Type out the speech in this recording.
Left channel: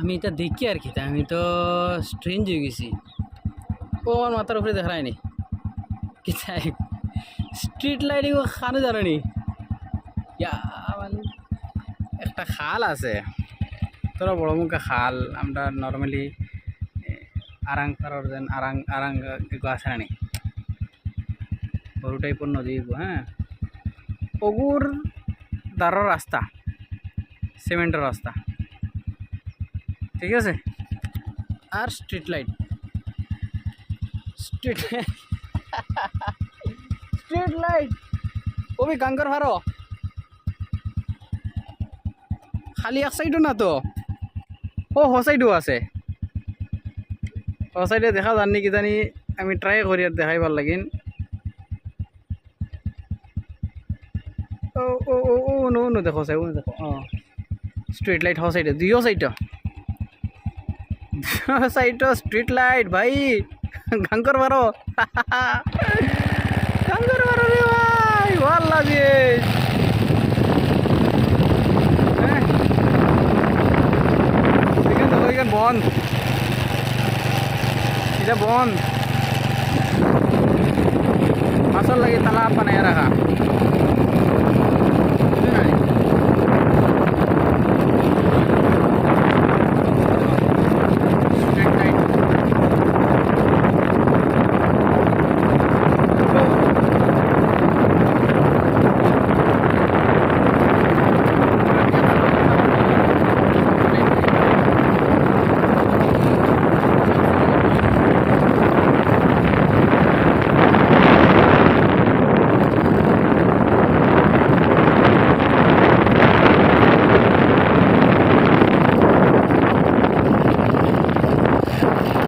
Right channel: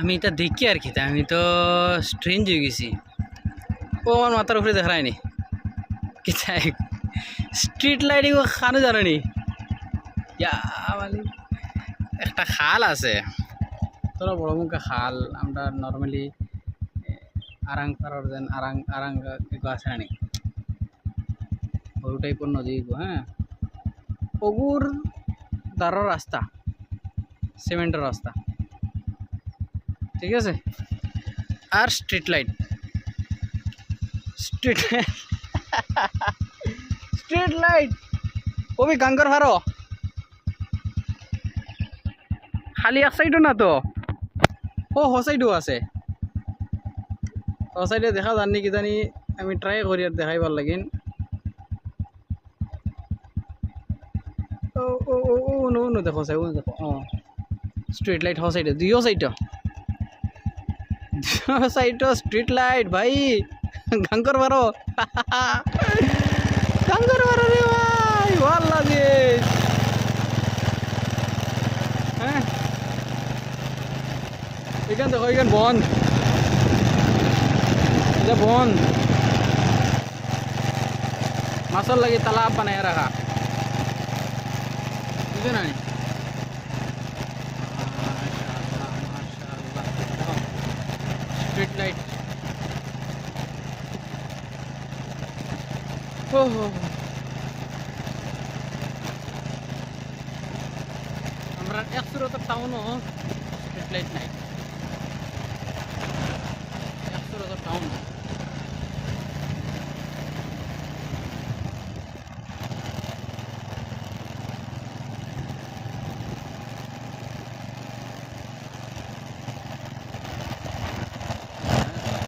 আমি এটা দেখি আর কি আমি তো স্ট্রেঞ্জ হয়ে গেছি। ও আমার মাথার উপরে দেখা যায়নি কি চাই স্ট্রিট লাইটিং ও খানো জানো নি মানে একটা খাল আছে তোরা বড় মুখে খাল আমরা নর্মালি আরাং পাড়ার যেন আরাং আরাং আছে না সরু টাইপের নদী হ্যাঁ ওগুর দাঁড়ার রাস্তা সিমেন্টের রাস্তা ঠিক আছে আর স্ট্রিট লাইট স্ট্রিট লাইট ওবি গাঙ্গর হারো খালি এক সাইডও না তো ও হ সাইডও আছে ও সাইডে দেখা যাননি কি জানি আমি ট্রাই করি আর দেখাইবার লাগিন ও ও ও ও নো নো দেখো সাই ও দেখো স্ট্রিট লাইট হ সাইডে দুইও সাইডও স্ট্রিট লাইট ভাই গাঙ্গর বারো গাঙ্গর বারো রে ভাই ভাল লাগে হ্যাঁ এখানে দেখো এখানে বন্ধ এটা বন্ধ মাছর লাগে তালাব বানায় রাখা